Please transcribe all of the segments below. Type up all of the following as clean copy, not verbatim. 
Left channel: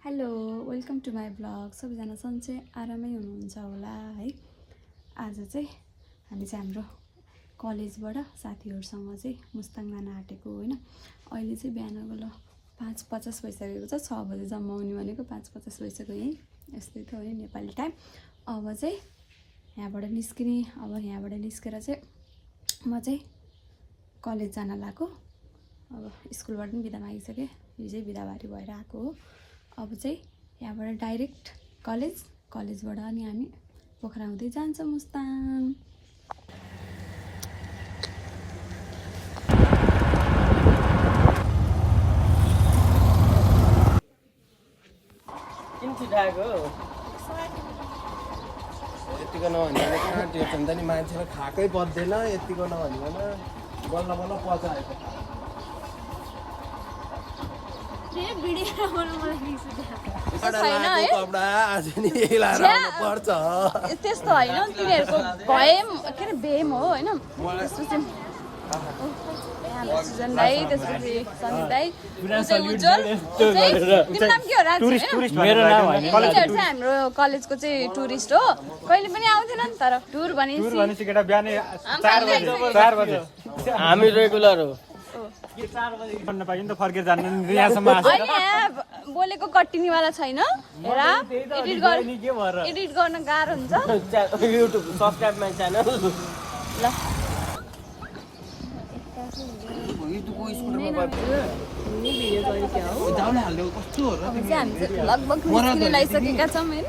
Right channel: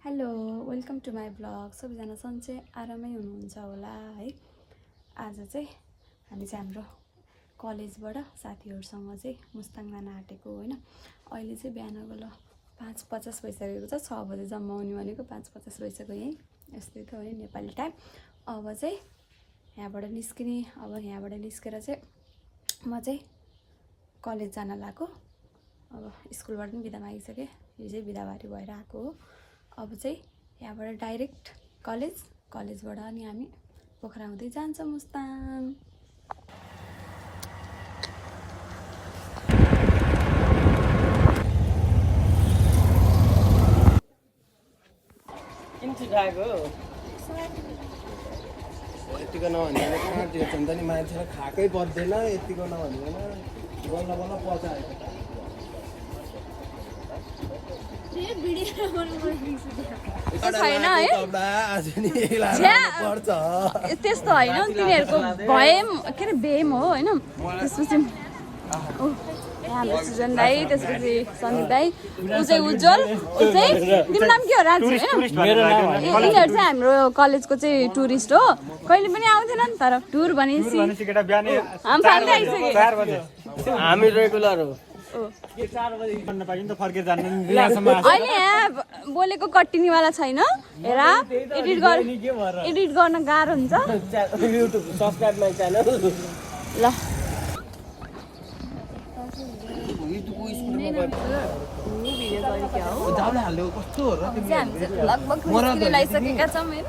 Hello welcome to my blog. सबैजना सन्चै आरामै हुनुहुन्छ होला है। आज चाहिँ हामी चाहिँ हाम्रो कलेजबाट साथीहरूसँग चाहिँ मुस्ताङ जान आँटेको होइन। अहिले चाहिँ बिहानको ल 5:50 भइसकेको छ। 6 बजे जम्मा आउने भनेको 5:50 भइसक्यो। यहीँ यस्तै त है नेपाली टाइम। अब चाहिँ यहाँबाट निस्किने। अब यहाँबाट निस्केर चाहिँ म चाहिँ कलेज जान लागेको। अब स्कुलबाट पनि बिदा मागिसकेँ। हिजै बिदाबारी भएर आएको हो। अब चाहिँ यहाँबाट डाइरेक्ट कलेजबाट अनि हामी पोखरा हुँदै जान्छ मुस्ताङ। यतिको नभनिकन कहाँ त्यो हुन्छ नि, मान्छेलाई खाएकै पर्दैन। यतिको नभनिकन बल्ल बल्ल पचाएको त्यस्तो होइन, तिनीहरूको भए के अरे बेम हो होइन। त्यसपछि हाम्रो सुजन दाई, त्यसपछि सनी दाई, ऊ चाहिँ उज्जवल, ऊ चाहिँ तिम्रो नाम के हो? राजु होइन, मेरो नाम हो। यिनीहरू चाहिँ हाम्रो कलेजको चाहिँ टुरिस्ट हो। कहिले पनि आउँथेन नि, तर टुर भनेपछि हामी रेगुलर हो। बोलेको कटिनीवाला छैन। हेर, एडिट गर्न गाह्रो हुन्छ। YouTube subscribe my channel. ल अब चाहिँ हामी चाहिँ लगभग निस्किने लागिसकेका छौँ होइन।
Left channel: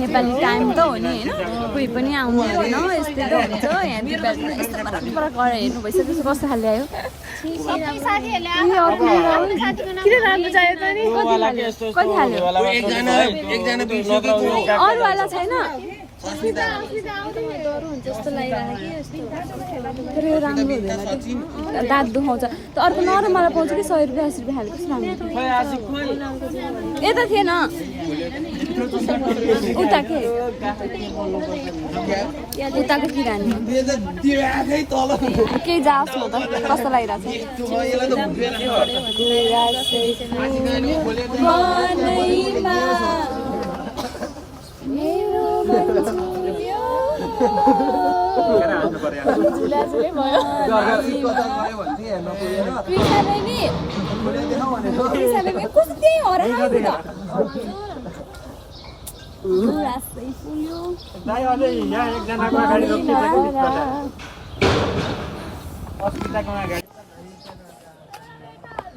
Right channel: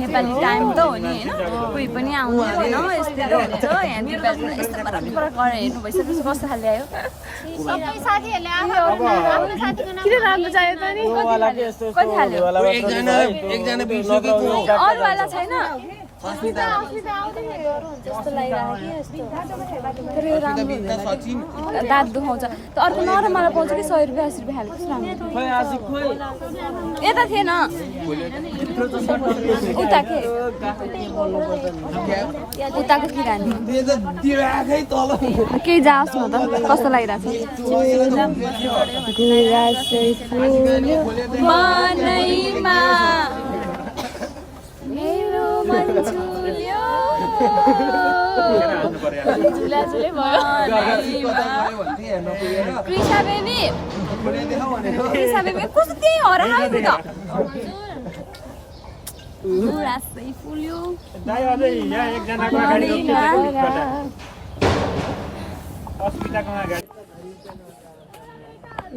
नेपाली टाइम त हो नि होइन, कोही पनि आउनु हुँदैन। यस्तै त हुन्छ यहाँ दिपाली यस्तो फरक फरक गरेर हेर्नु भइसक्यो। कस्तो खाले आयो? कति खाल्यो? अरूवाला छैन तर यो राम्रो हुँदैन कि दाँत दुखाउँछ। त अर्को नरमवाला पाउँछ कि 100 रुपियाँ 80 रुपियाँ हालेको कस्तो राम्रो। यता थिएन उता के उताको किरानी केही जाओस् न त कस्तो लागिरहेको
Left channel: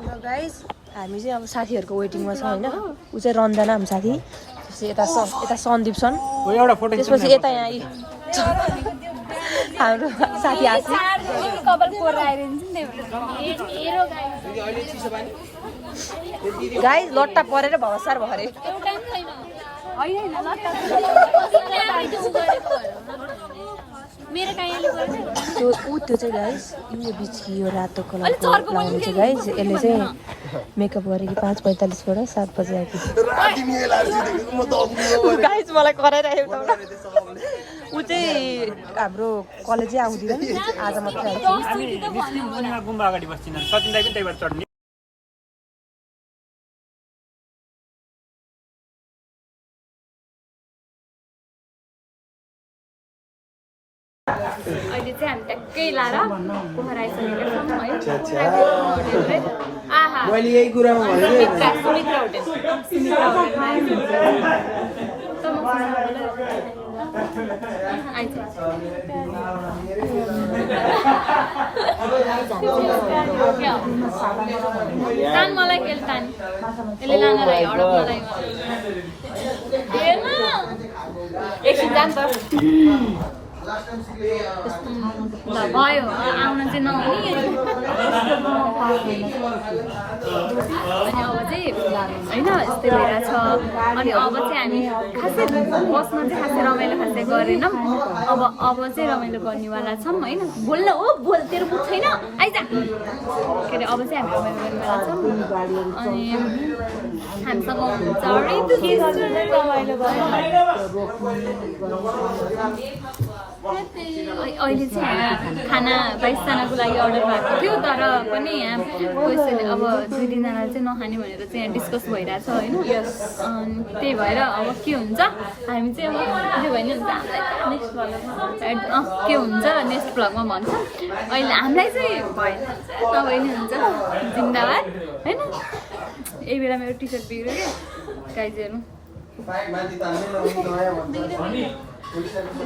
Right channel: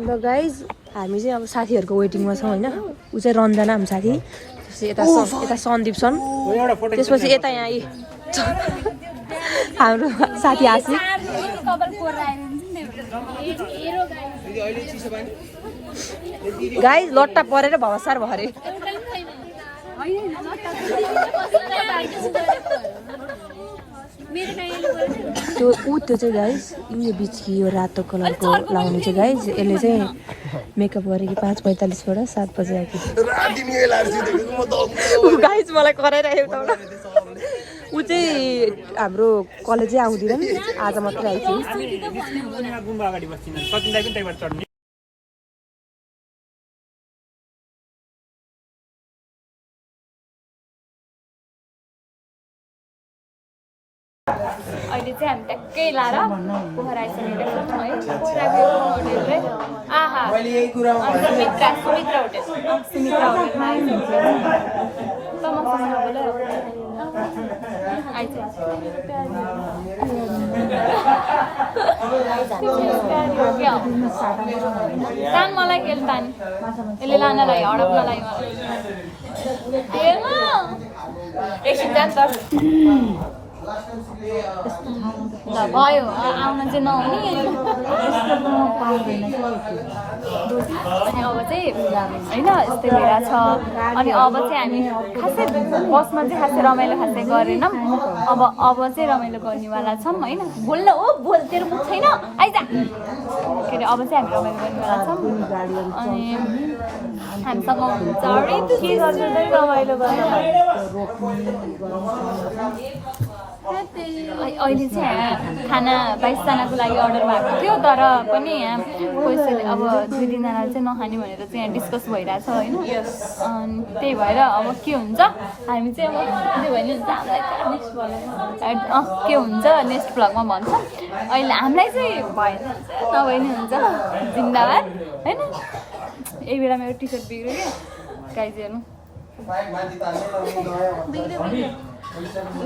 ल गाइज, हामी चाहिँ अब साथीहरूको वेटिङमा छौँ होइन। ऊ चाहिँ रन्जना हाम्रो साथी, यता सन्दीप छन्, त्यसपछि यता यहाँ हाम्रो साथी आसी। गाइज लट्टा परेर भवसार भरे। त्यो चाहिँ गाइज यो बिचकी यो रातो कलरको लाउने चाहिँ गाइज, यसले चाहिँ मेकअप गरेको 5:45बाट 7 बजे आएको गाइज। मलाई कराइरहेको एउटा ऊ चाहिँ हाम्रो कलेजै आउँदैन, आज मात्रै आइथ्यो। अहिले चाहिँ हामी ट्याक्कै लाएर पोखरा आइसकेका छौँ है। पोखराको होटेल आहा सुमित्रा होटेलमा तान मलाई के तान यसले लानलाई हडपको लागि एकछिन जान्छ ल भयो। आउन चाहिँ नहुने अनि अब चाहिँ होइन यस्तै भइरहेछ। अनि अब चाहिँ हामी खासै बसमा चाहिँ खासै रमाइलो खासै गरेनौँ। अब चाहिँ रमाइलो गर्नेवाला छौँ होइन। बोल्न हो बोल, तेरो मुख छैन आइज के अरे। अब चाहिँ हामी रमाइलो गर्नेवाला छौँ अनि हामीसँग हुन्छ रमाइलो अहिले चाहिँ खाना 22जनाको लागि अर्डर भएको थियो तर पनि यहाँ कसैले अब 2-3जनाले चाहिँ नखाने भनेर चाहिँ यहाँ डिस्कस भइरहेछ होइन अनि त्यही भएर अब के हुन्छ हामी चाहिँ अब के भने हुन्छ हामीलाई के हुन्छ नेक्स्ट भ्लगमा भन्छ अहिले हामीलाई चाहिँ भएन नभए नि हुन्छ जिन्दाबाद होइन यही बेला मेरो टी सर्ट बिग्रियो क्या गाइज हेर्नु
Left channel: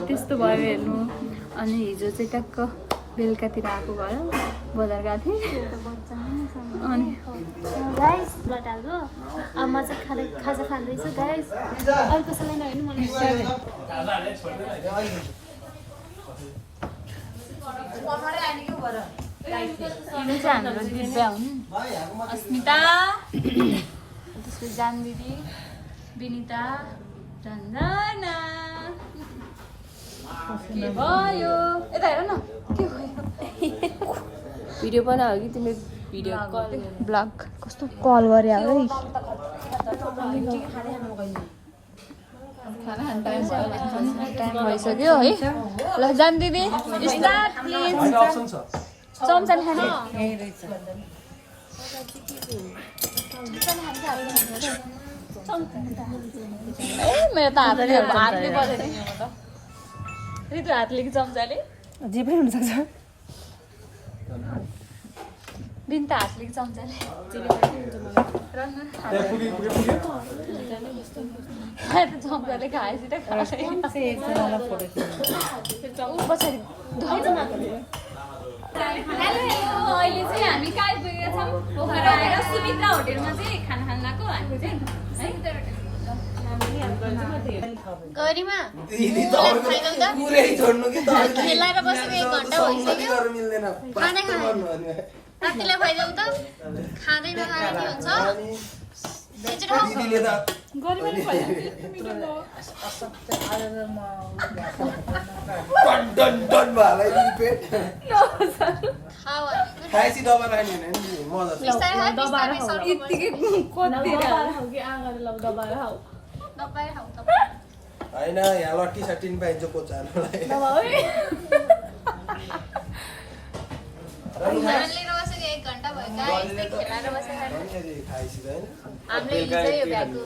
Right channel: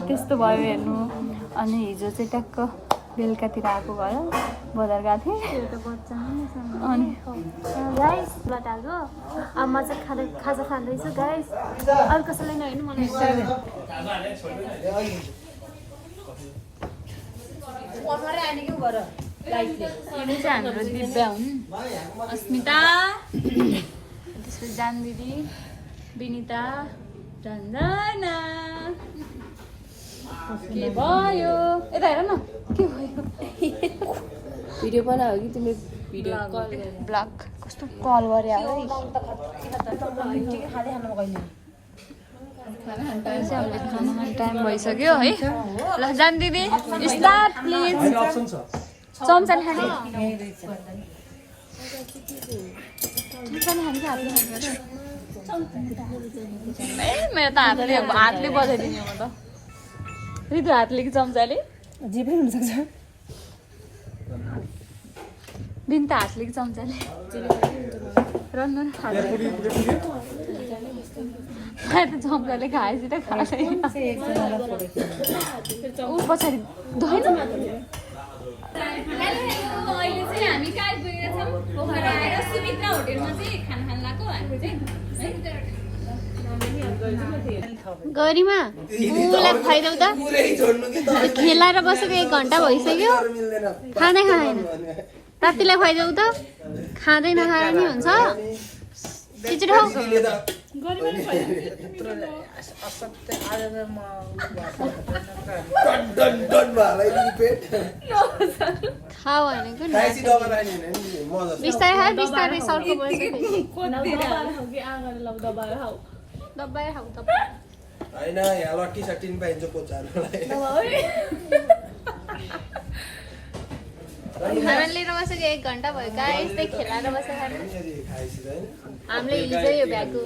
त्यस्तो भयो हेर्नु अनि हिजो चाहिँ ट्याक्क बेलुकातिर आएको भयो बजार गएको थिएँ अनि गाइस लटाको आमा चाहिँ खाजा खाँदैछु गाइस अरू कसैलाई नहेर्नु मलाई यो चाहिँ हाम्रो दिव्या हुन् अस्मिता त्यसपछि जान दिदी विनिता रञ्जना के भयो यता हेर न के भयो भिडियो बनायो कि तिमीले भिडियो ब्लग कस्तो कल गरे है टाइम भइसक्यो है ल जान दिदी स्टार्ट प्लिज चम्चा खाने ए मेरो त हातले बजाइदिने म त रितु हातले कि चम्चाले जे पनि हुनसक्छ दिन त हातले कि चम्चाले चम्चाले खाएपछि त खाँदैन पछाडि अहिले चाहिँ हामी कहाँ आइपुगेका छौँ पोखरा आएर सुमित्रा होटेलमा चाहिँ खाना खान गएको हामी चाहिँ गरिमा खेलाएर बसेको 1 घन्टा भइसक्यो खाँदै खाँदैन रातिलाई खुवाइदेऊ त खाँदै नखाएर नि हुन्छ होइन यहाँ लट्ठी सट्टी पनि पाइन्छ पोचाहरूलाई लिएर बसेको 1 घन्टा भयो गाइस खेलाएर बसेर हामीले हिजो यो भ्याएको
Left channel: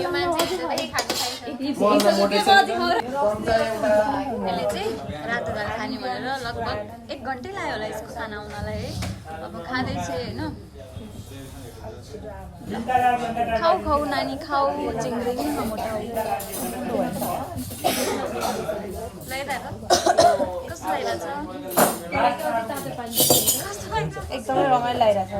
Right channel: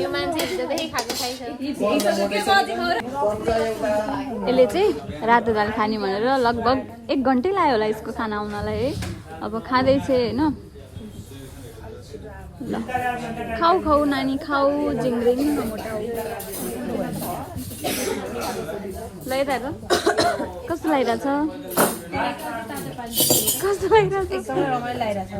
यो मान्छेले पनि खानु यसले चाहिँ रातो दाल खाने भनेर लगभग 1 घन्टै लाग्यो होला यसको खाना आउनलाई है अब खाँदैछ होइन खाऊ खाऊ नानी खाऊ जिङ्ग्रिङ लगाइरहेको कस्तो लागिरहेछ कस्तो लागिरहेछ एकदमै रमाइलो लागिरहेछ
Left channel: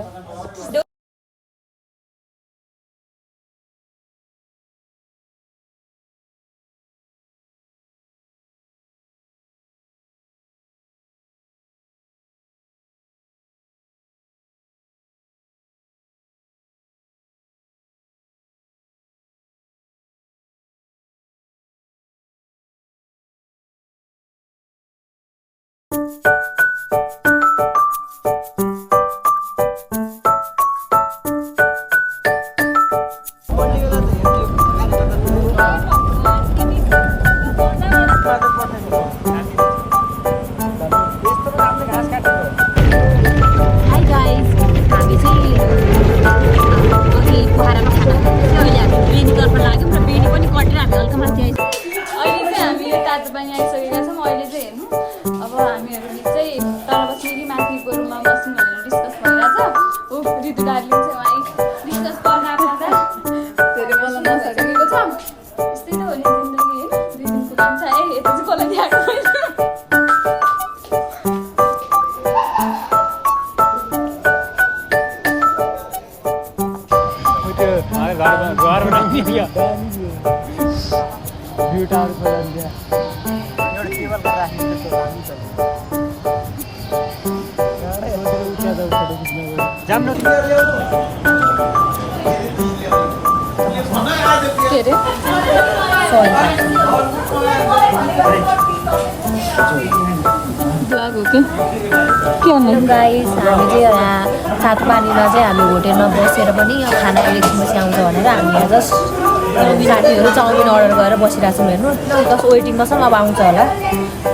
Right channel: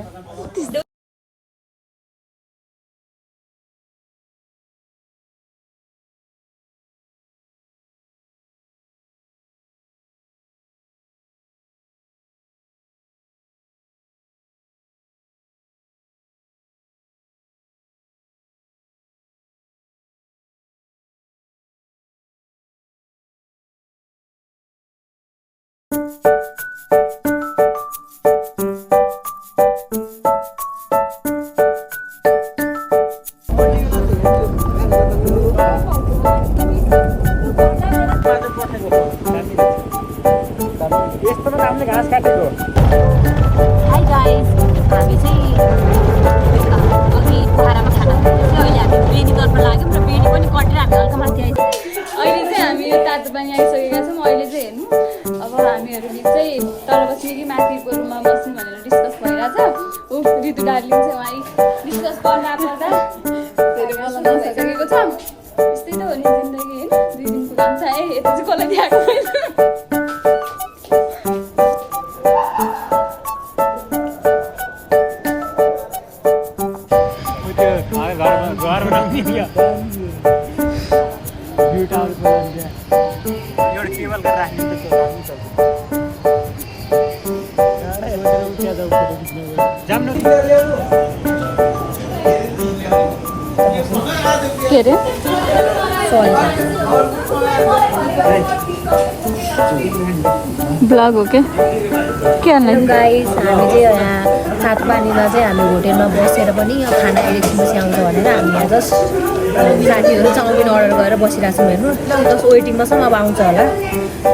के अरे ब्लग हो के गाइस हामी चाहिँ यहाँ सातपानीमा चाहिँ हामी होटेलमा बसेर पनि यहाँ खाना एकछिनपछि आउँछ भनेर हामी यहाँ जस्ट साथीहरू चाउमिन अर्डर गरेर बसिरहेको छौँ हेर्नु जस्ट वेटिङमा छौँ अब आउँछ होला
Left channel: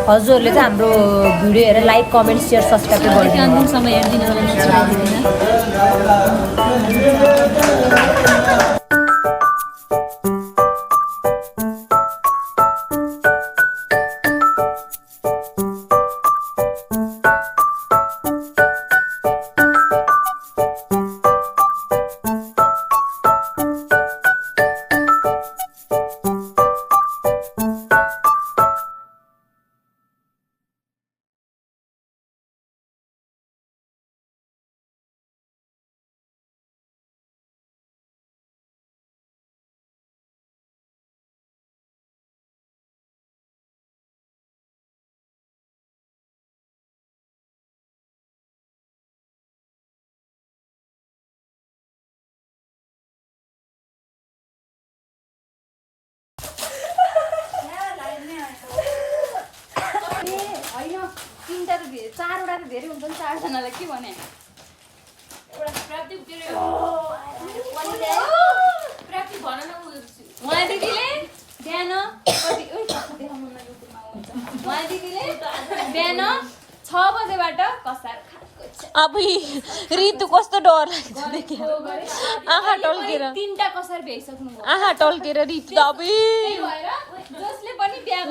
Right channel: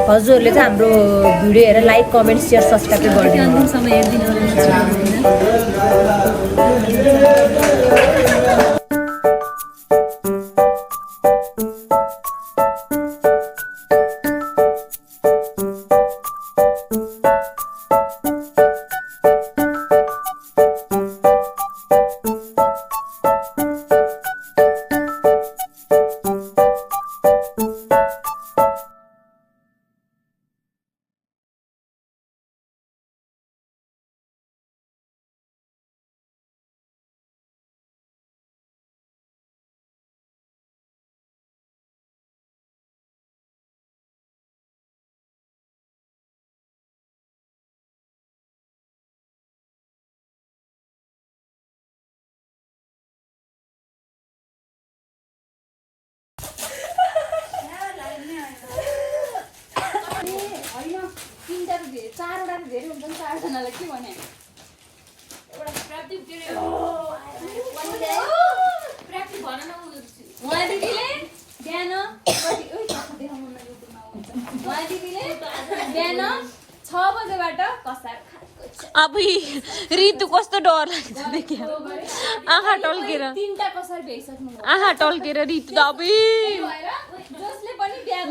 हजुरहरूले चाहिँ हाम्रो भिडियो हेरेर लाइक कमेन्ट सेयर सब्सक्राइब गरिदिनु अन्तिमसम्म हेरिदिनु होला नछुटाउनु तिनवटा त धेरै 4वटा त धेरै हुन्छ नि 4जनालाई के भने उहाँ दिदीले बिहान उहाँ दिदीले बिहान 6 बजेबाट कसार अब ऋतु कस्तो डर लाग्छ आँखा टल्केर 3टा कसार भ्याइसक्नु आँखा टल्केर ऋतु त अब जसले पनि बिहा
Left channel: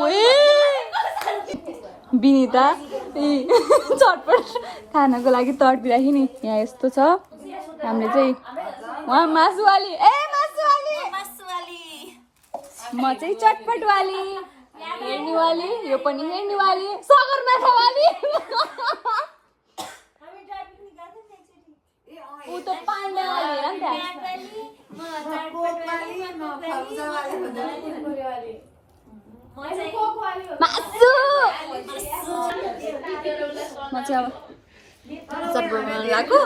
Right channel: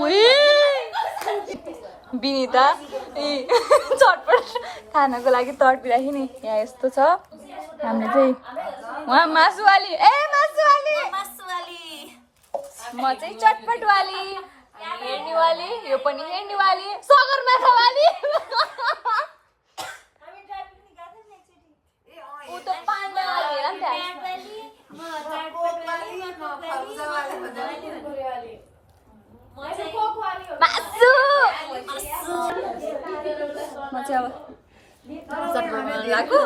बिनिता चटपट खानको लागि तडपिराखि नि यहाँ यस्तो छ हामीले चाहिँ उहाँ मासुवाली म चाहिँ चटपटवाली हेर्नेवाली यो पनि हेर्नेवाली सगरमाथावाली ऊ त पाण्डावाली म चाहिँ अब चटपटमा लाग्यो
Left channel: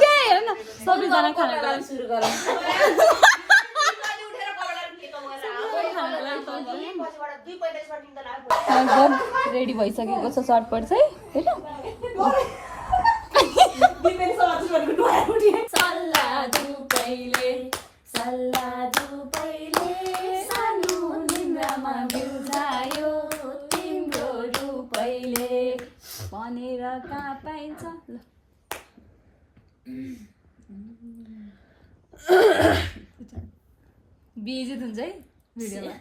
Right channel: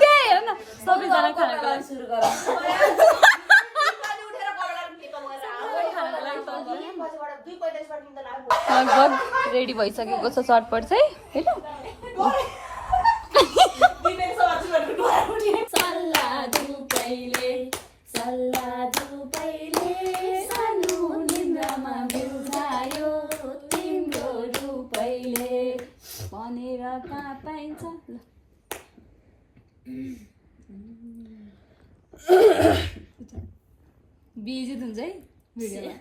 त्यहाँ हेर न सबैजना खानको लागि सुरु गर रेडी भइसकेको छ चटपट चाहिँ भनेर कहाँ पाइन्छ बिजित हुन्छ है भिडियोमा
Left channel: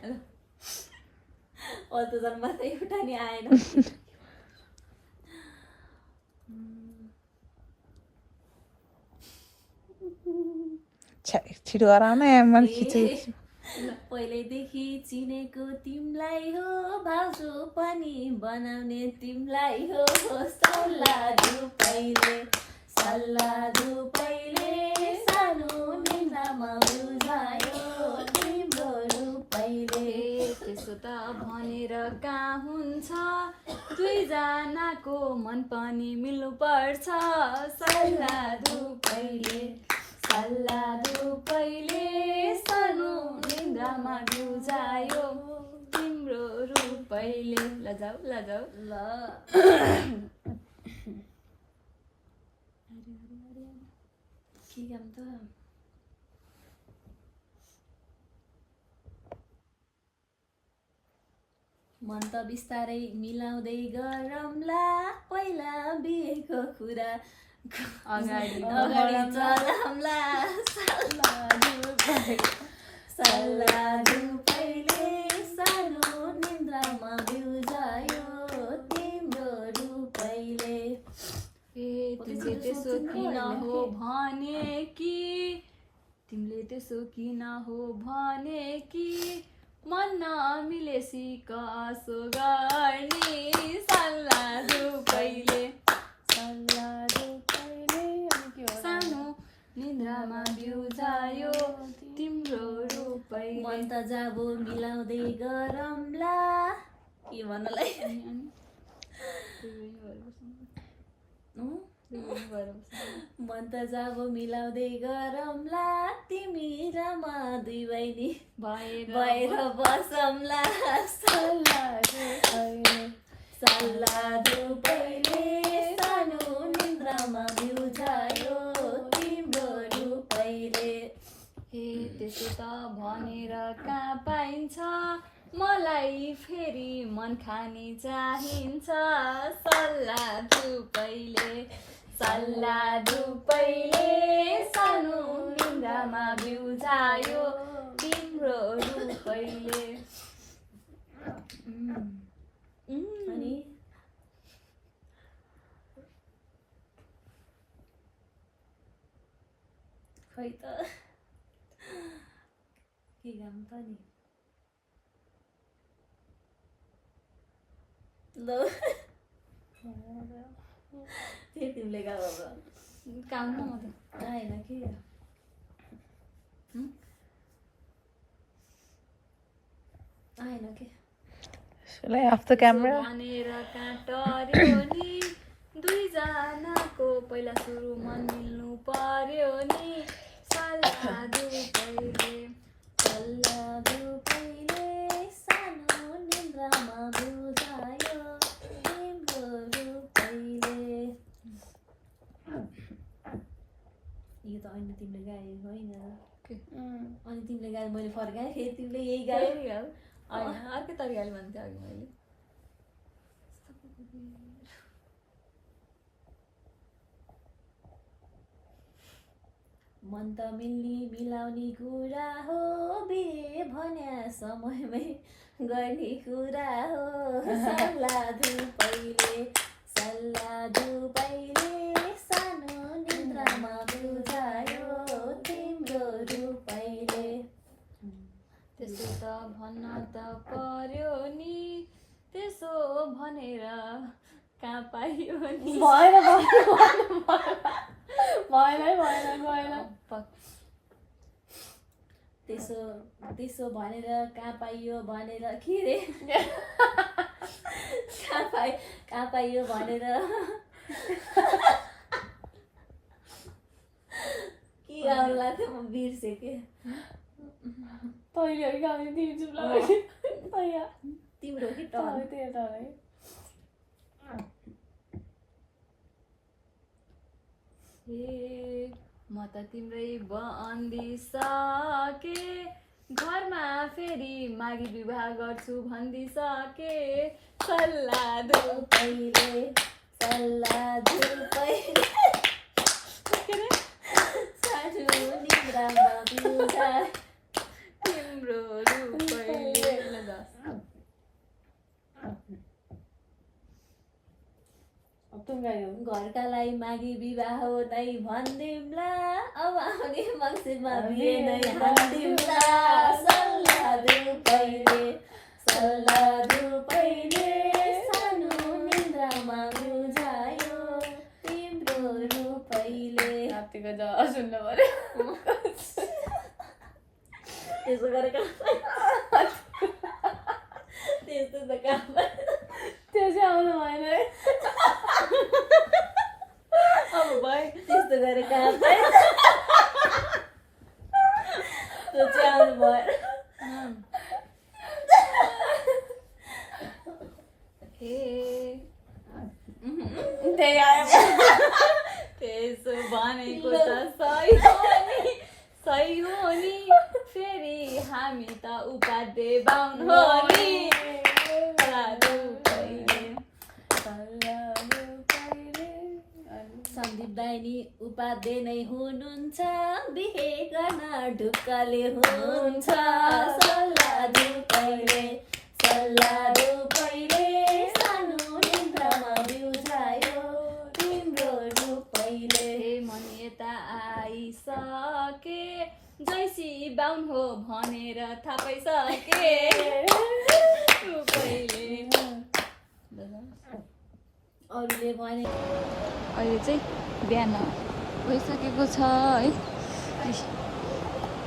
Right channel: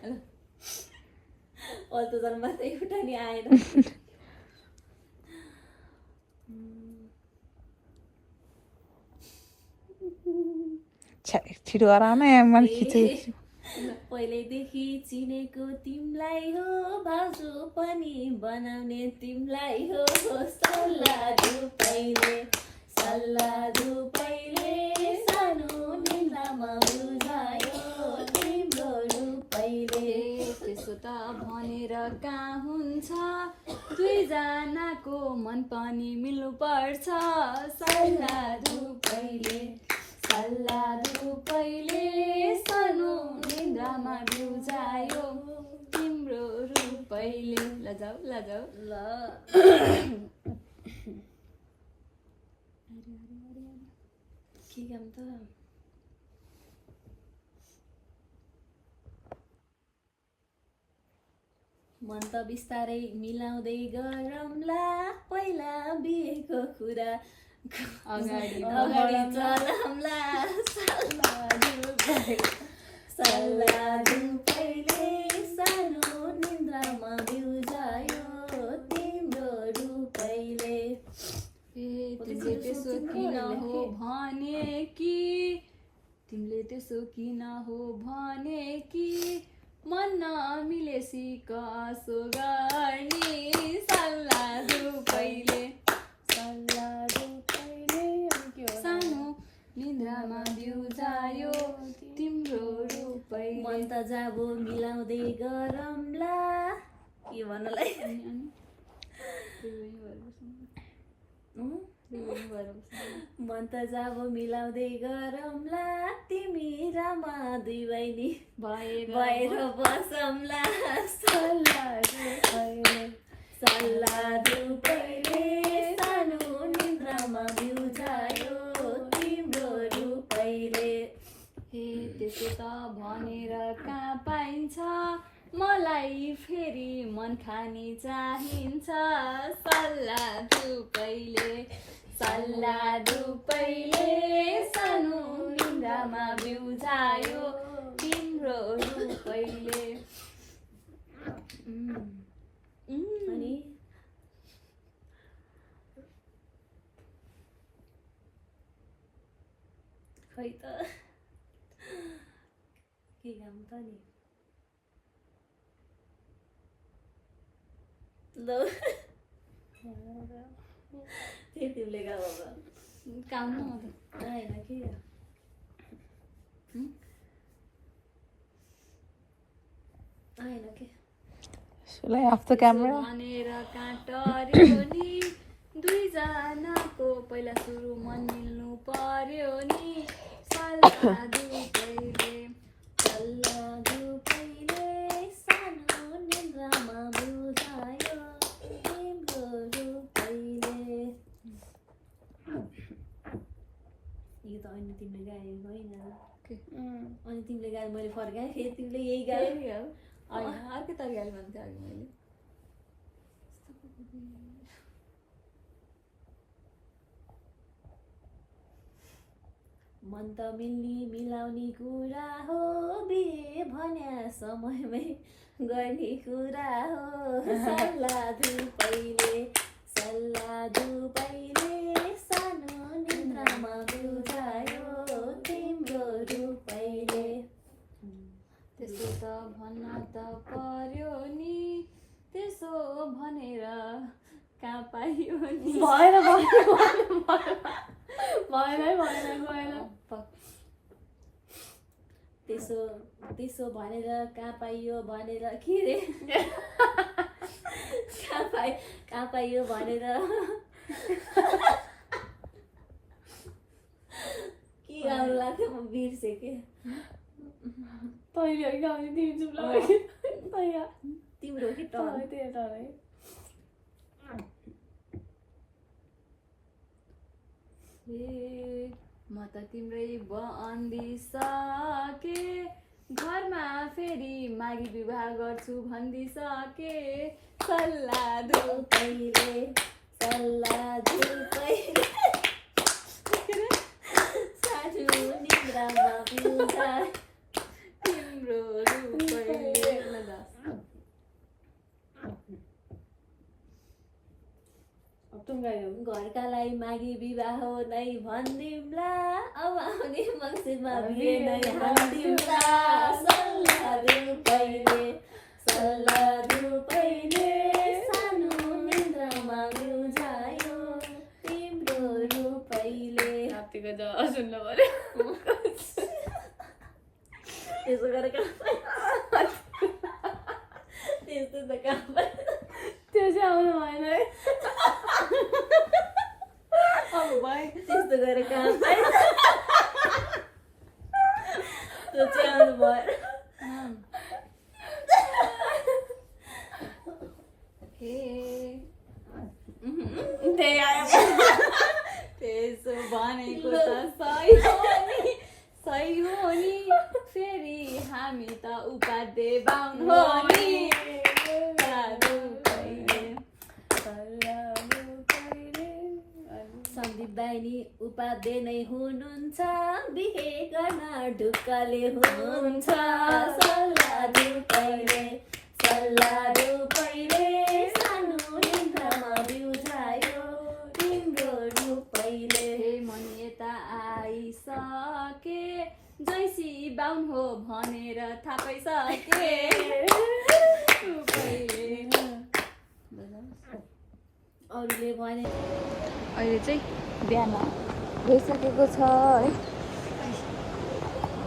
अल्तोजन मात्रै एउटा नि आएन छिटो गर न मैले खिचेँ पहिल्यैदेखि चिनेको तिमीलाई हो भाउजू पनि बनाउने तिमीलाई हो सल्लाह धुपैले सानो निन्द्रामा बुझायो तिम्रो रूपैले त्यसो त भनेर कहाँ हुन्छ दुईजनाको मन पनि मिल्नु पर्छ सल्लाह धुपैले सानो निन्द्रामा बुझायो तिम्रो रूपैले लजाऊ ल के काम त मन त बिस्तारै मिलाउँदै गरौँला पहिला बिहेको कुरा अगाडि चलाउँला सल्लाह धुपैले सानो निन्द्रामा बिउजायो तिम्रो रूपैले तिमीले त्यसो किन हो भने कि मन नमिलेसी कसो गर्ने सल्लाह धुपैले सानो निन्द्रामा बिउजायो तिम्रो रूपैले मन त जाबो मिलाउँदै गरौँला के भन्नलाई मन त जाबो मिलाउँदै गरौँला तिमी र म दुई बहिनी भएर बसौँला सल्लाह धुपैले सानो निन्द्रामा बिउजायो तिम्रो रूपैले त्यसो त भनेर कहाँ पाइन्छ मलाई फेरि मन खाने चाहिन्छ सल्लाह धुपैले सानो निन्द्रामा बिउजायो तिम्रो रूपैले अनि खै त के काम त नि ल तिमीले गाउँ अब काम न म त आएन के आएन के Shall I off the camera? भनेर काटर्यो नि दुईजनाको पहिला सुरु मन मिल्नु पर्यो नि सल्लाह धुपैले सानो निन्द्रामा बिउजायो तिम्रो रूपैले यो त अनि तिमीले गायो होइन अनि तिमीले गायो मैले फर्काएँ फेरि तिमीले यही गायो होइन अर्कै तरिकाले भन्थेँ अघि मैले मन त मिल्ने मिलाउने कुरा हो बिहे भन्या समयमै गर्ने कुरा हो सल्लाह धुपैले सानो निन्द्रामा बिउजायो तिम्रो रूपैले त्यसो त भन्न त पर्यो नि त्यसो भनेर कहाँ पाइयो नि भएन त्यसो भनेर कहाँ पाइयो भनेर के रे कहाँ पाइयो भनेर के गाउनु लाग्थ्यो म बिर्सेँ के तिम्रो कि म त तिम्रै भनिदिसके घरमा फेरि मागी विवाह गर्छु भनिदिसके सल्लाह धुपैले सानो निन्द्रामा बिउजायो तिम्रो रूपैले घरकालाई मागी विवाह नै भनिदिउँला अब आउने मङ्सिरमा बिहे नै हालिदिउँला सल्लाह धुपैले सानो निन्द्रामा बिउजायो तिम्रो रूपैले सुन्नु पर्यो त्यसो गरेर त्यस्तो त काम त्यो चाहिँ आउनु भएन है अब भाइ त्यस्तो गरेर काम त्यो चाहिँ आउनु भएन त्यही आयो त्यसो भनेको त सही हो नि फेरि हामी त उपाध्याय बाहुन हो नि सन्दीप दाइनी उपाध्याय नै हुनुहुन्छ बिहे गर्न ढुक्कले हुनुहुन्छ सल्लाह धुपैले सानो निन्द्रामा बिउजायो तिम्रो रूपैले मन यता आइसके जैसी बाहुन हो भनेर थाहा पाइसके अरूले भने अहिले चाहिँ बिहान भइसकेको छ है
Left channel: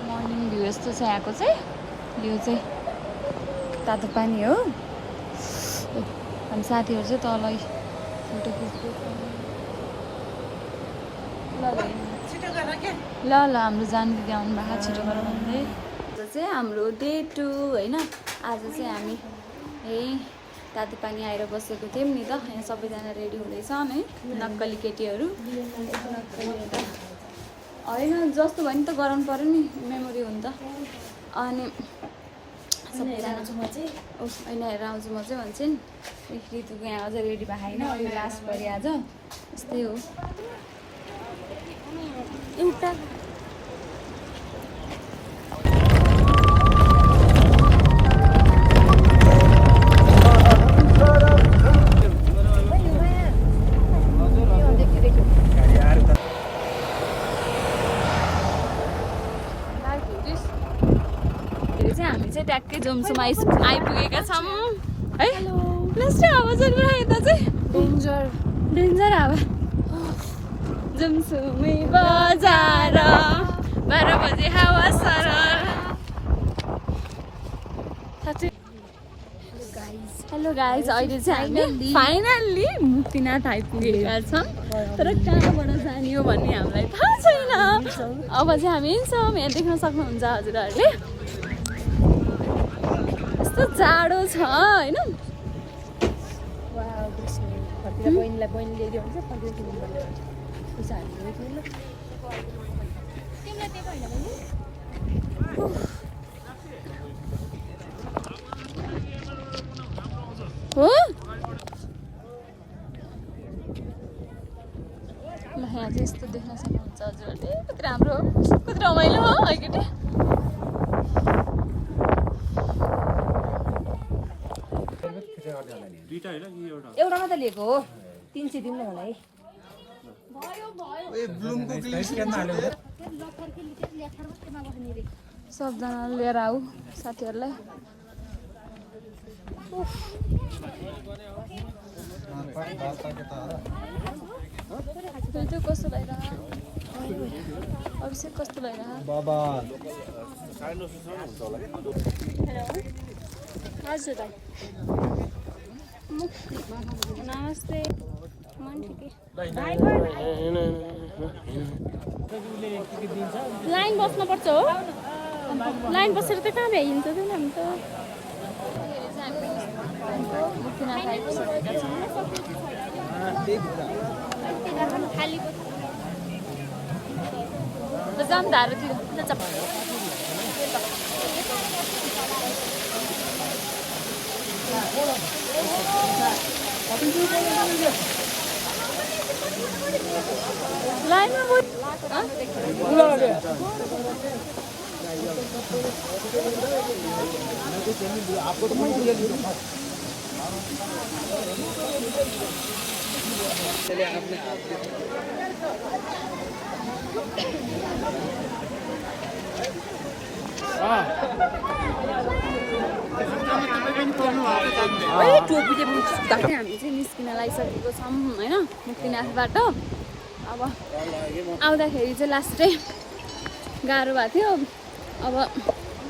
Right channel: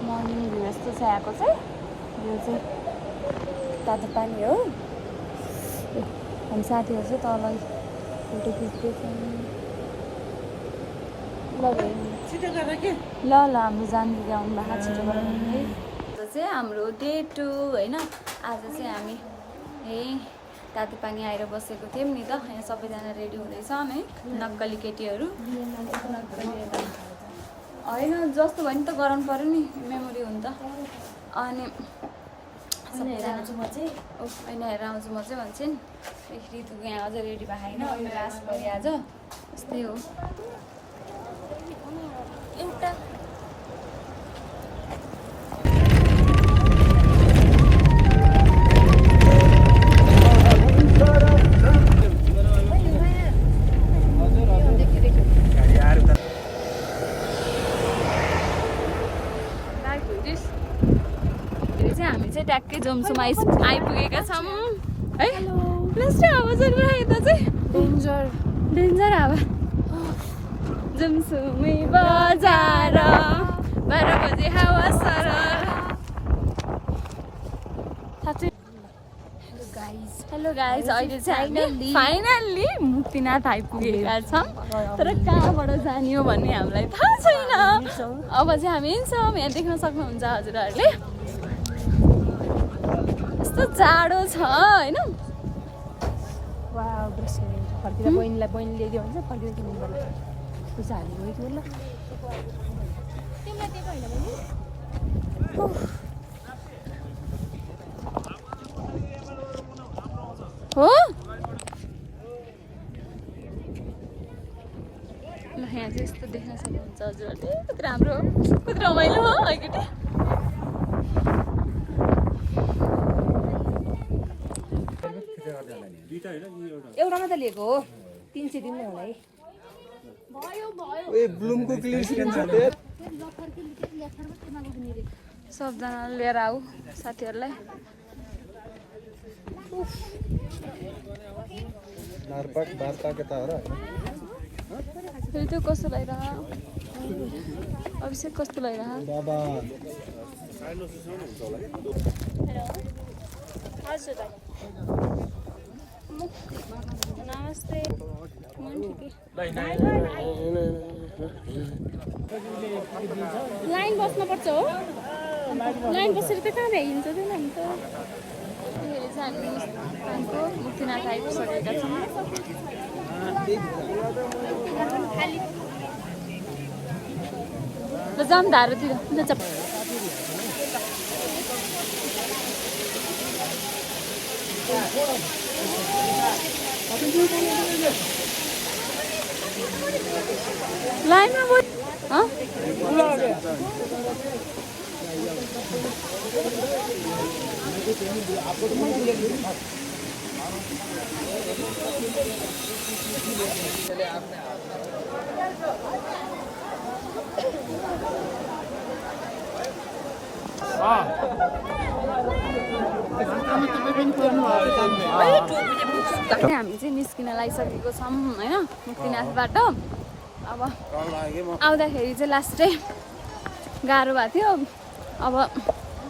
मर्निङ भ्यू जस्तो छ यहाँको चाहिँ यो चाहिँ तातो पानी हो अनि साथीहरू चाहिँ तल फोटो खिच्दै छ ल हाम्रो जानु छिटो है आज चाहिँ हाम्रो डे 2 होइन आज चाहिँ हामी तातो पानी आएर बसेको थियौँ नि त यहाँ सबैजना रेडी हुँदैछन् है नक्कली केटीहरू नक्कली यता होइन जस्तो भयो नि त गराउनु पऱ्यो नि मेमोरी हो नि त अनि सबैजना होइन हेरेर आउँछु म चाहिँ भन्छ नि ऋतुको यहाँ अझै रेडी भएको छैन अनि लास्ट गरी आज यस्तै हो एउटा हामी चाहिँ ट्याक्कै जम्सुमा आइपुगेका छौँ है लास्ट आवाजहरू यता चाहिँ डेन्जर हावा जम्सुमै बजार 12 बजे हावा सरल हेलो गाइज अहिले चाहिँ हामी फाइनल्ली मुक्तिनाथ आइपुगेका छौँ तर कहाँबाट जाने हो भन्ने हामीलाई थाहा छैन अब चाहिँ हामी हिँड्छौँ यहाँ देख्न सक्नुहुन्छ हजुरहरूले यस्तो जाडो छ होइन बहिनीलाई बहिनी ल्याइदियो भने चाहिँ फर्किनु पैसा हाल्नु ल हो ल यहाँ चाहिँ यस्तो देख्न सक्नुहुन्छ हजुरहरूले कति राम्रो कति रमाइलो हो है केटी एउटा मात्रै लिएको हो 300 दिनु होला है सबजना लिएर आऊ साथीहरूलाई कस्तो भइरह अभिषेक कस्तो भइरह हजुर नमस्ते मन ठिकै लाइन बस्नुपर्छ हो लाइन बसेर त कहाँ भ्याइन्छ त हुन्छ हामीको मुक्तिनाथ आइपुगेका छौँ जाम धारोतिर लाइनमा हामी चाहिँ निस्किन लागिसकेको छौँ होइन मुक्तिनाथबाट अब आउँदाखेरि चाहिँ लास्टै गाह्रो भएको थियो अब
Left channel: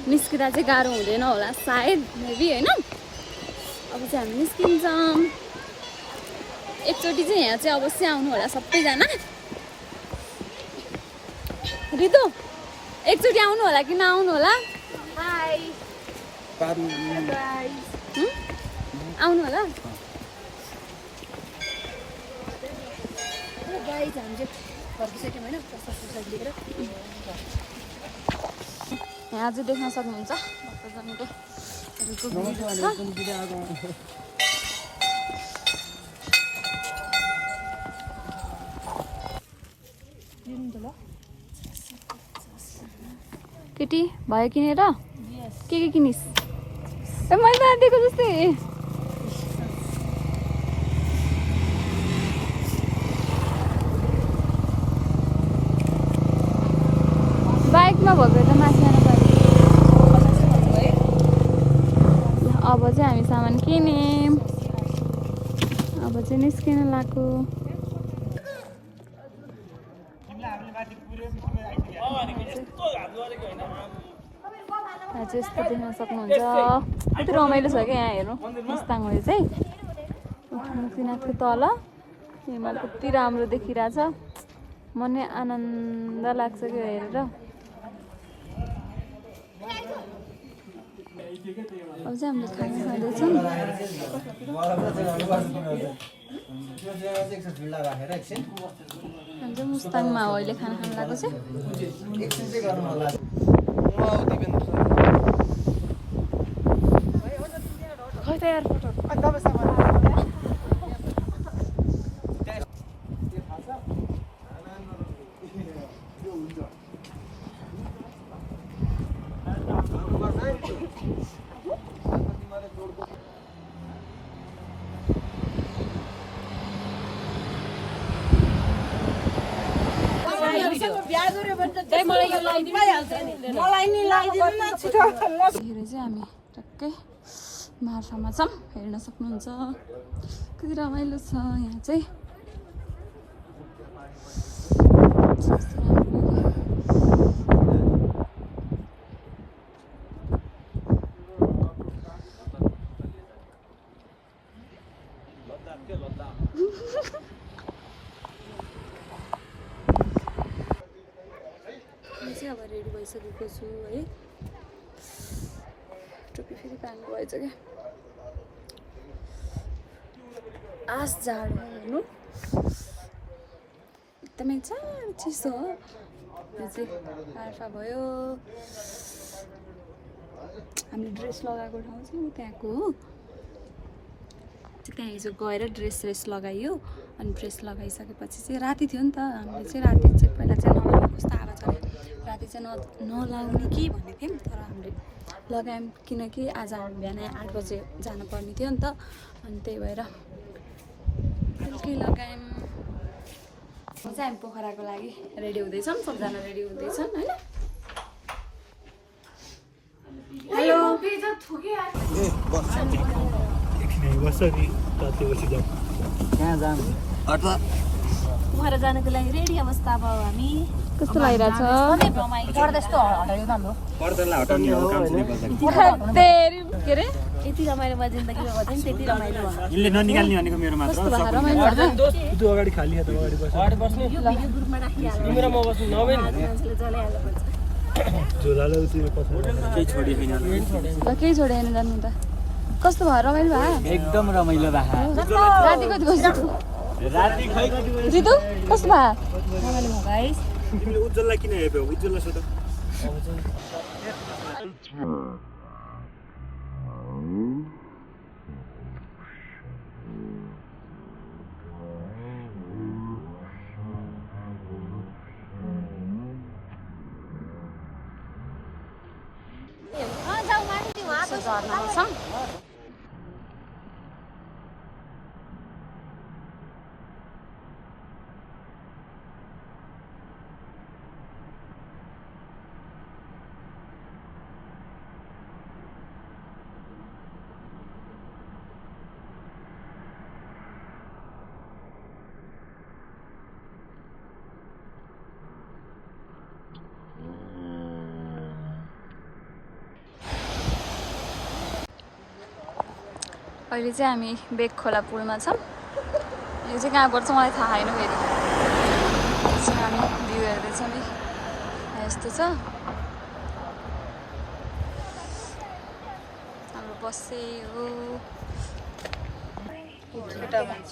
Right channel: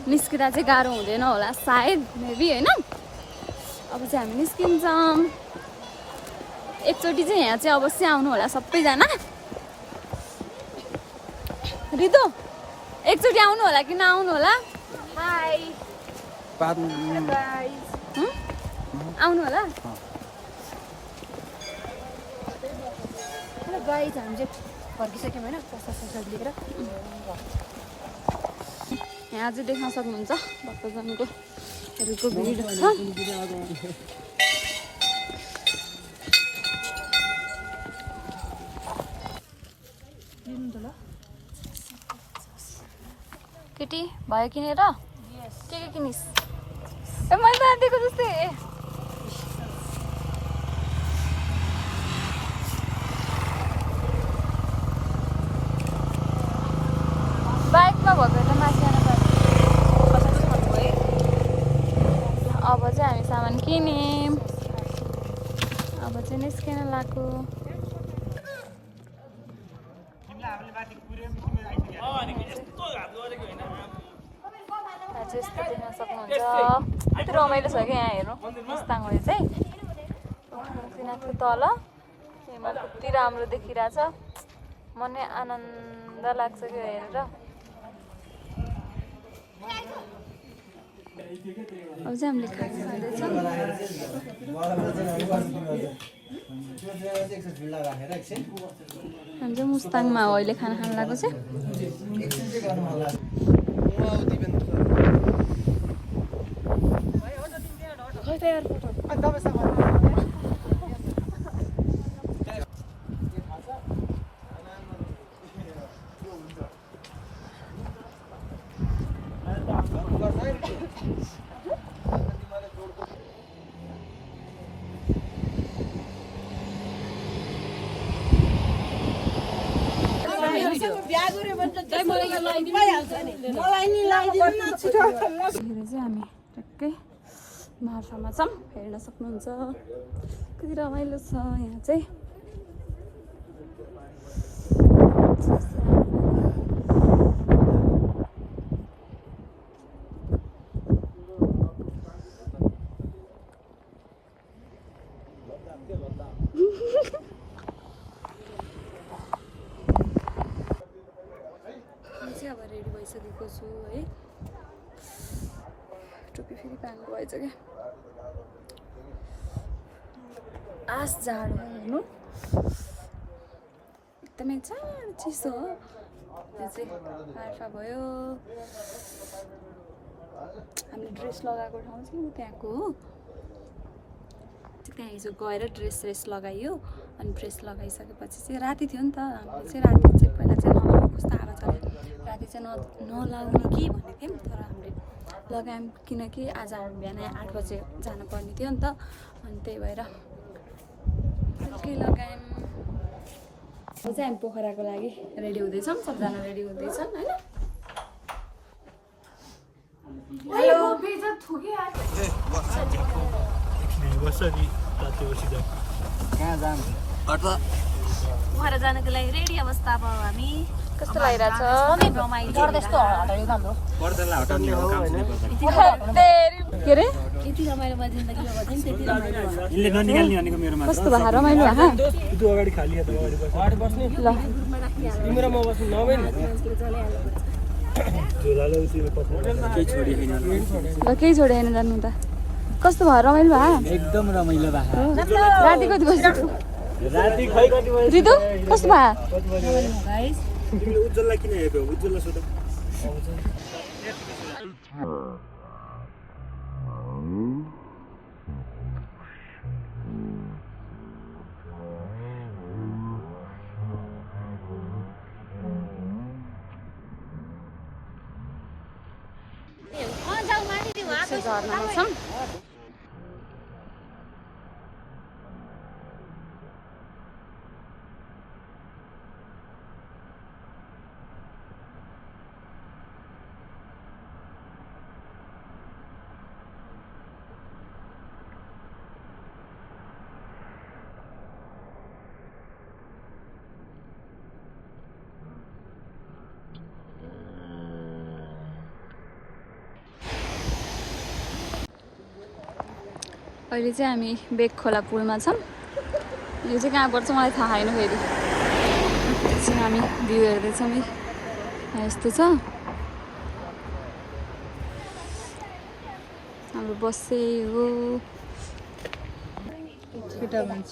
निस्किँदा चाहिँ गाह्रो हुँदैन होला सायद मेबी होइन अब चाहिँ हामी निस्किन्छौँ एकचोटि चाहिँ यहाँ चाहिँ अवश्य आउनु होला सबैजना रितु एकचोटि आउनु होला कि नआउनु होला हाई आउनु होला गाइज हामी चाहिँ फर्किसक्यौँ होइन प्रसाद लिएर यहाँ चाहिँ देख्न सक्नुहुन्छ भक्तजनको भिड छ केटी भयो किनेर के किनिस् ए मैले दिएको जस्तै बाइकमा भएको त माथि अब चाहिँ हामी सामान किन्यौँ अब चाहिँ निस्किन लाग्यो यस्तो देख्न सक्नुहुन्छ कति रमाइलो छ क्या यहाँ हेर्नु मुस्ताङले चाहिँ मुक्तिनाथको तल यहाँ कति राम्रो देखिरहेछ मनै आनन्द लाग्छ क्या हेरेर अब चाहिँ हामीले खाइसकेको हामी चाहिँ मुस्ताङमा हो अहिले खाना खान लागेको चाहिँ खै त यार फोटो चाहिँ हामी टक्कै मार्फामा छौँ हेर्न सक्नुहुन्छ कति रमाइलो छ यहाँ चाहिँ अब रेडी भइसकेको छु है टोपी फेरि पाल्नु भएछ क्या आस जाडो हेर्नु एकदमै जाडो चिसो हो यो चाहिँ आर्फा भयो हामीले ड्रेस लगाएको ठाउँ चाहिँ त्यहाँको हो त्यहाँ हिजो गएर ड्रेस लगाइयो अनि ड्रेस लगाइसकेपछि चाहिँ राति थियो नि त हामीले चाहिँ राति चाहिँ पहिला चाहिँ नलाउने कस्तो हावा चल्यो राति चाहिँ नलाउने कि भनेको थियौँ तर हामीले लगायौँ किनकि आज हामी बिहान 8 बजे जानुपर्ने थियो नि त अनि त्यही भएर बेलुकै लगायौँ अब चाहिँ हामी पोखराको लागि रेडी हुँदैछौँ सबजना रेडी हुँदैछन् होइन हेलो पोखरा जानको लागि रेडी अवस्था अब हामी के अरे यति रमाइलो भयो जिन्दगीमा भयो नि त्यति रमाइलो भयो कस्तो भयो रमाइलो भयो अगाडि खाली अगाडि बस्ने ल तिम्रो म बस्नु नभए ल केही छोडेन जानु त कस्तो भयो रमाइलो भयो एकदम रमाइलो भयो राति कति बजी राति खै कति भयो रितु कस्तो भयो तिमीले उज्जवललाई किन हेर्यौ उज्जवललाई सोध झर्नामा छौँ अहिले चाहिँ हामी बेगखोला पुलमा छौँ यो चाहिँ कहाँ पर्छ मलाई थाहा छैन फेरि एकछिन हामी भ्यू हेर्दैछौँ है यस्तो छ हाम्रो बस्से हो केटा भन्छ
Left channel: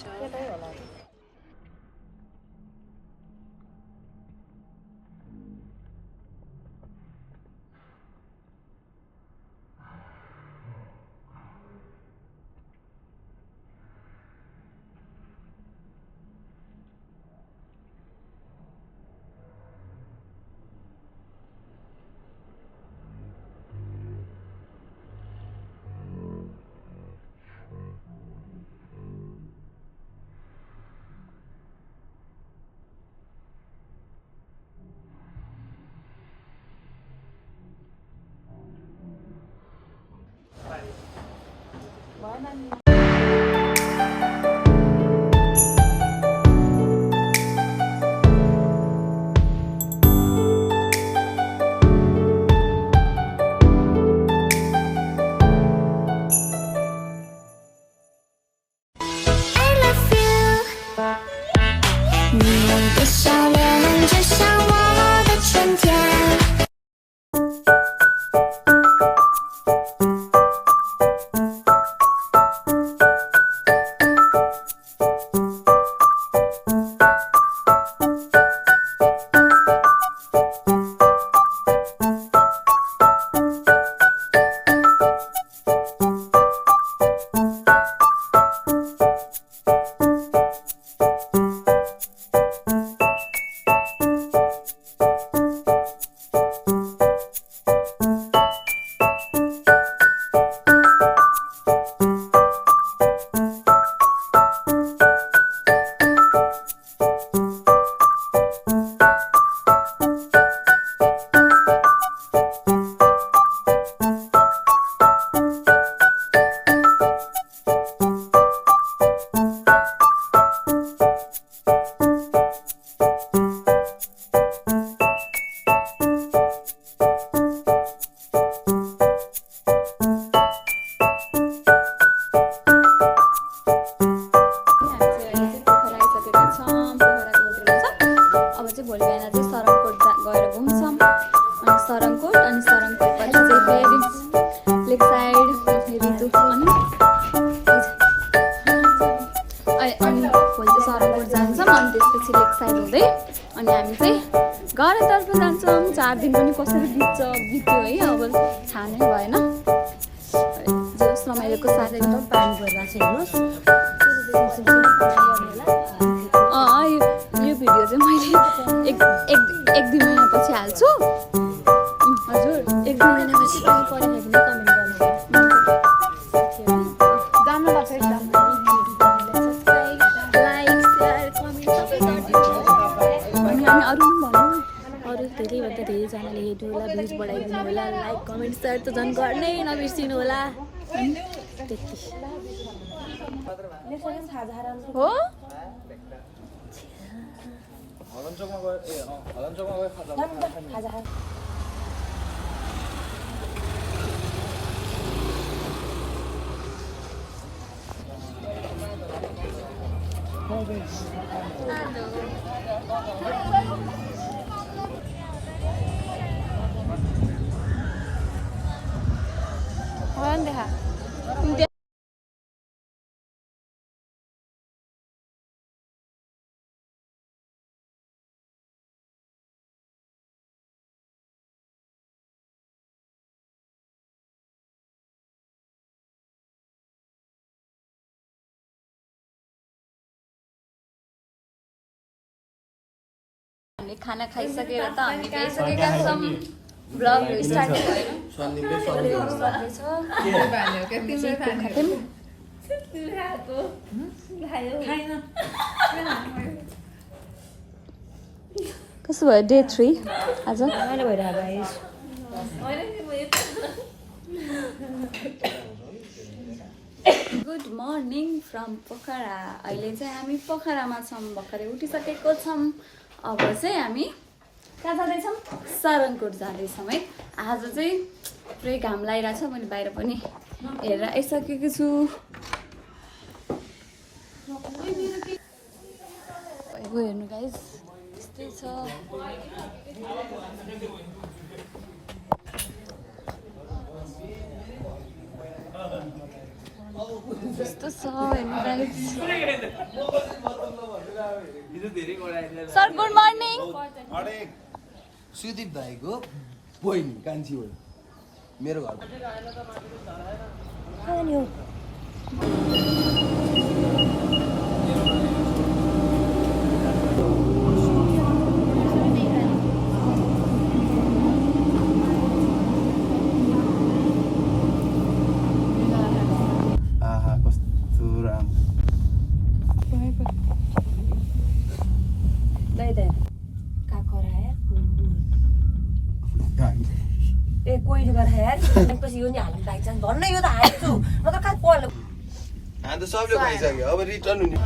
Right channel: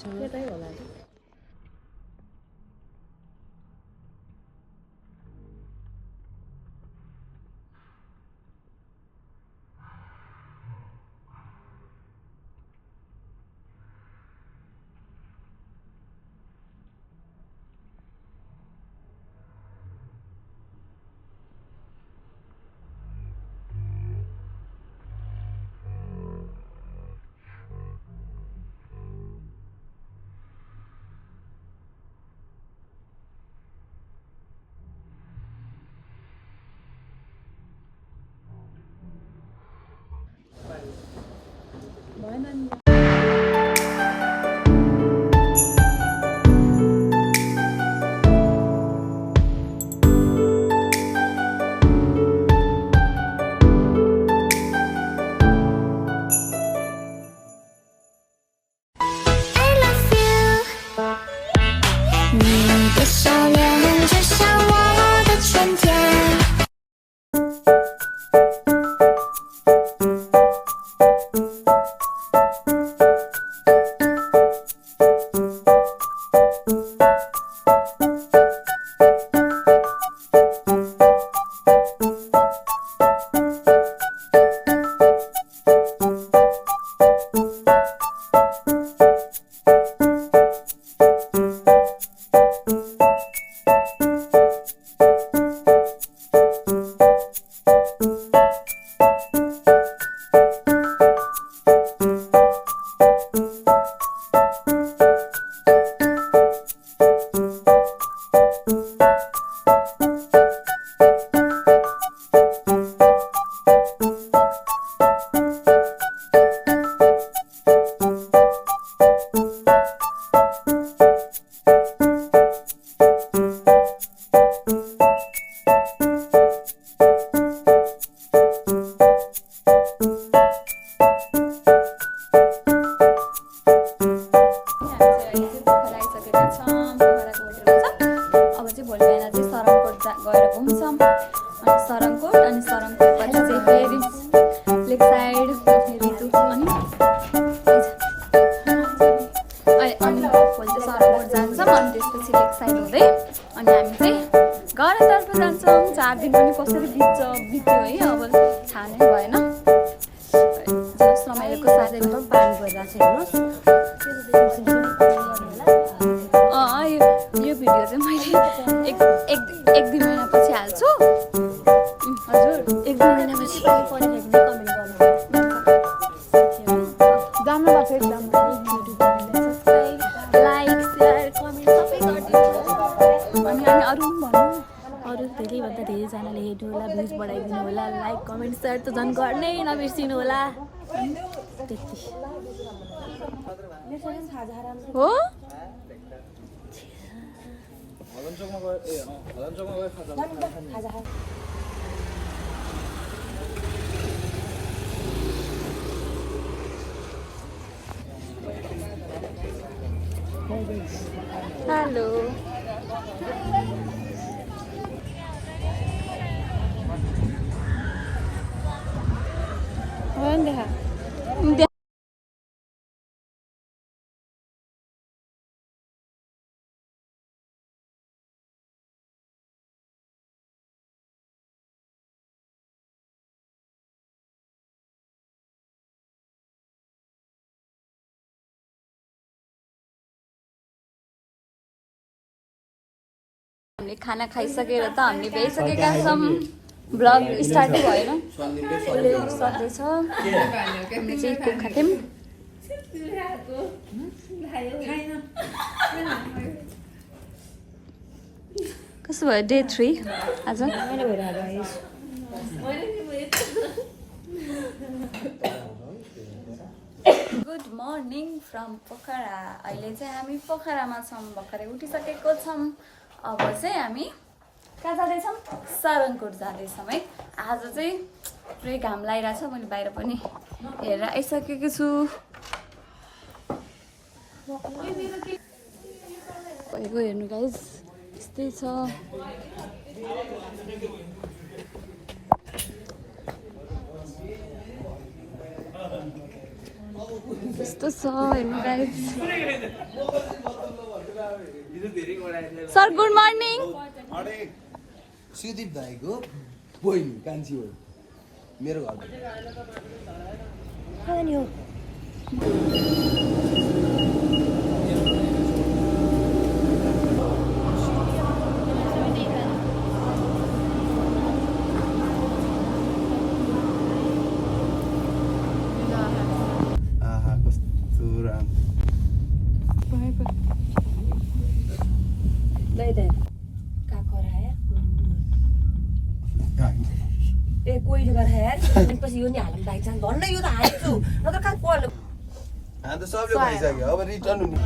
अब चाहिँ भोलि बिहान चाहिँ सरङकोट गएर घुम्छौँ अनि सरङकोट पछि चाहिँ फेरि लेक साइड रितु अनि भोलि चाहिँ सरङकोट जान्छौँ अनि त्यसपछि लेक साइड हुँदै अनि हामी चाहिँ घरतर्फ जान्छौँ। 4 दिन पनि कसरी बित्यो है अब थाहा नै भएन। जस रमाइलोको साथै पानी परिरहेको छ हेर्नुहोस्। यो भिडियो चाहिँ मैले एक 2 महिनापछि हाल्छु। हजुर 1-2 महिनापछि पानी परेको भने कमेन्ट गर्नुहोला। लाइक सेयर कमेन्ट सबै गरिदिनु अनि अरू पनि भन्नु। अरू धेरैभन्दा धेरैजनाले हेर्नु होला, भ्युज बढाइदिनु होला, लाइक कमेन्ट सेयर त झन् गर्नै नबिर्सिनु होला। त्यति हो हेलो देखा हामीले खाना खाइसकेर त हामी भइसकेका छौँ। ब्लग स्टार्ट भएन सक्दैछ खाथ्यौँ। कसो भयो डे 3 आज? Good morning from Pokhara. अहिले चाहिँ हामी पोखरामा छौँ, भर्खरै उठिसकेको छौँ। अब चाहिँ हामी कहाँ जाँदैछौँ? सरङकोट जाँदैछौँ है। आज चाहिँ पुरै घाम लागिरहेछ, मैले बाहिर पनि हेरेर आइसकेको छु। भइगयो हेर्नु गाइज, यस्तै छ। यस्तो छ हेर्नु guys. Sir good morning. Sudeep भाइको बहिनी कान्छी हो मेरो घर। कस्तो राम्रो ए कोही गरेर यार पछि यो नि हाल्नु पाइन्छ भन्न। यो त हाल्छु म त कहाँ पढ्नु हामी त सबले खाइसक्यो, अब रिटर्न हुने।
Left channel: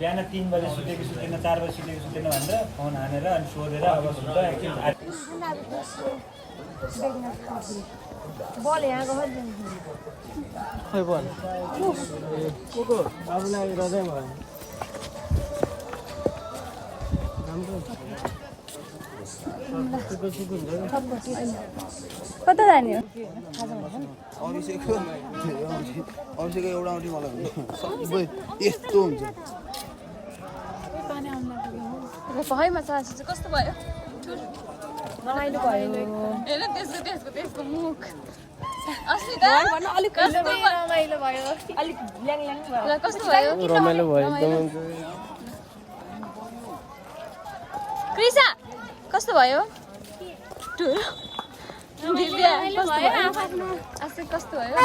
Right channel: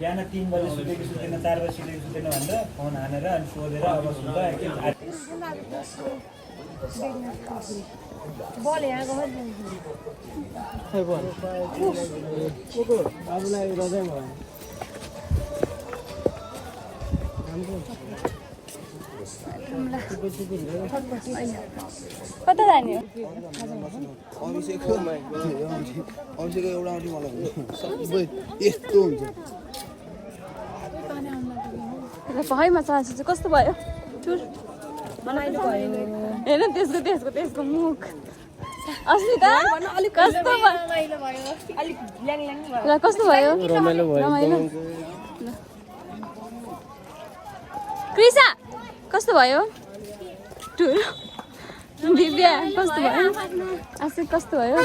बिहान 3 बजे सुतेको सुतेन, 4 बजे सुतेको सुतेन भनेर फोन हानेर अनि सोधेर अब सुत्दा बोल यहाँ गयो खोइ बोल कोको आफूलाई रजाइ भयो कता जाने हो? अभिषेकको एउटा औँठी मलाई सबै यस्तो हुन्छ। पहाडमा चान्स चाहिँ कस्तो भयो? रमाइलो भयो। हेर्न त्यसको मुख अस्ति त अलिक कस्तो रमाइलो भयो, अलिक ल्याङ ल्याङ भयो। ल कस्तो भयो? रमाइलो भयो। क्रिसा कस्तो भयो? दिव्या कस्तो भयो? आशिक कस्तो भयो?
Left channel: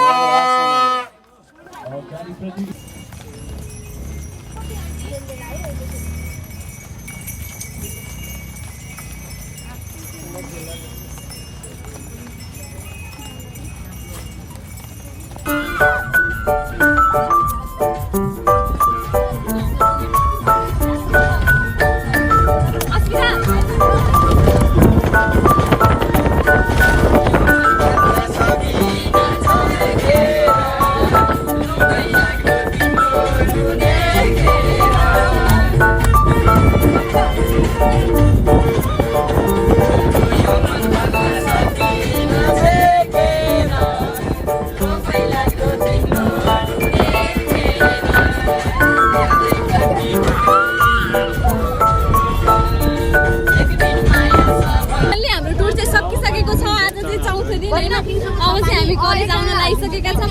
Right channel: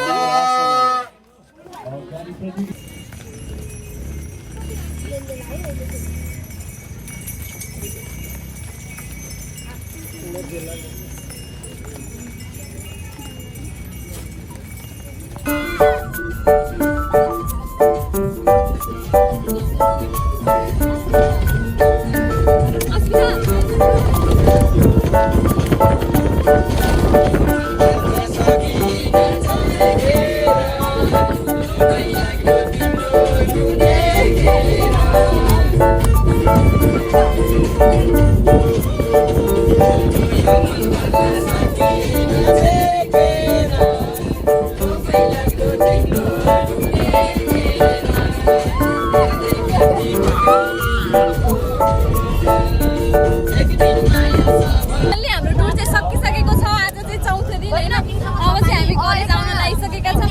हाम्रो टुर चाहिँ सकिसकेको छ आज चाहिँ चौथो दिन होइन अब चाहिँ हामी कलेज आउन लागिसकेका छौँ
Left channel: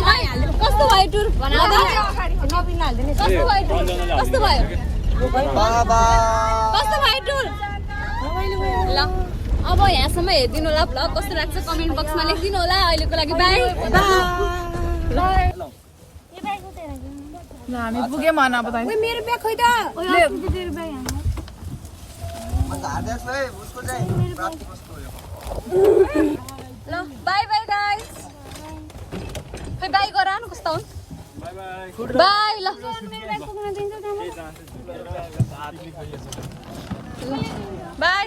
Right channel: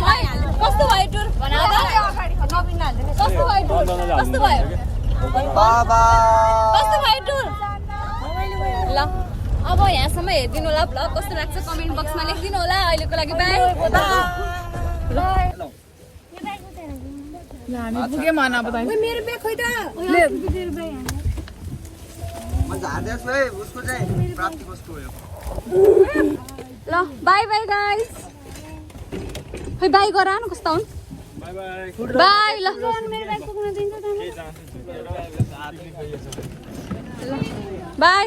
कस्तो भयो टुर कस्तो भयो टुर कस्तो भयो कस्तो भयो टुर ल अब यहाँसम्म हेरिदिनु होला भ्लग कस्तो लाग्छ कमेन्ट बक्समा लेखिदिनु होला अहिलेको लागि बाई हामी पुग्यौँ भन अब मेरो ब्याग खोइ त ल बाई बाई गाइस खै बाई गर न कस्तो हुन् बाई ल बाई